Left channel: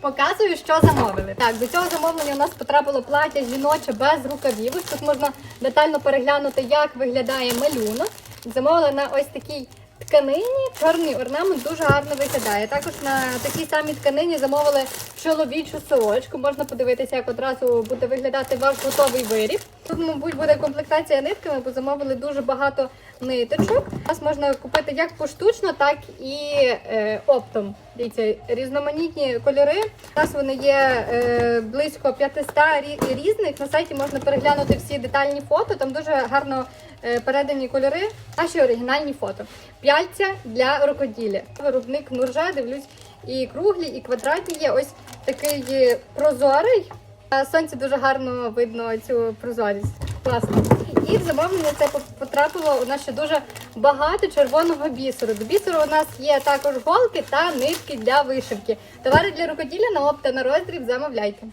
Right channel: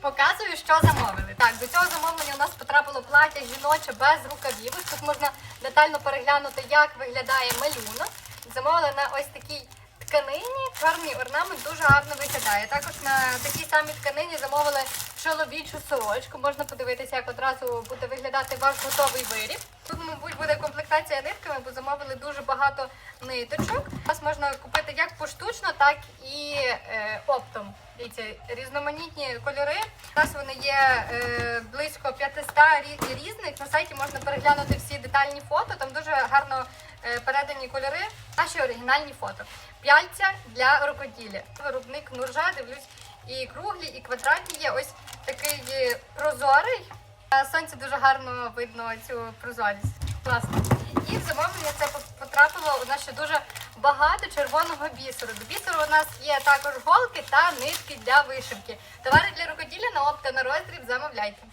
Показую, що замовили. Так, до цього замовлення у нас потрапило плаття жіноче без рукавів. Тут можна детально переглянути, як виглядає малюнок. Замовила на ось такій тканині. Чорний орнамент дуже гарно виглядає. Також на такій самій тканині замовили чоловічу сорочку. Можна подивитися, як одразу буде виглядати ваш готовий виріб. Тут, мабуть, буде комплектація нитками, бо замовили дуже багато ниточок. Нас можна купити як поштучно, так і е, оптом. Дивіться, різноманітні кольори. У вони є е, близько 500 рі- різних. На сайті можна переглянути всі детальні фото. Там дуже гарно передані кольори. Наші оригінальні фото. П'яльця для рукоділля. Виробник Нуржа, дивлюсь, і круглі, і квадратні є. Ось такий е, прозорий. На сонці дуже гарно видно цю прозорість. Класно. І в замовлення це потрапило у нас ще дуже багато червоного бісеру. До бісеру у нас є також голки та нитки для вишивки. Товари для рукоділля на опт та на роздріб замовляйте.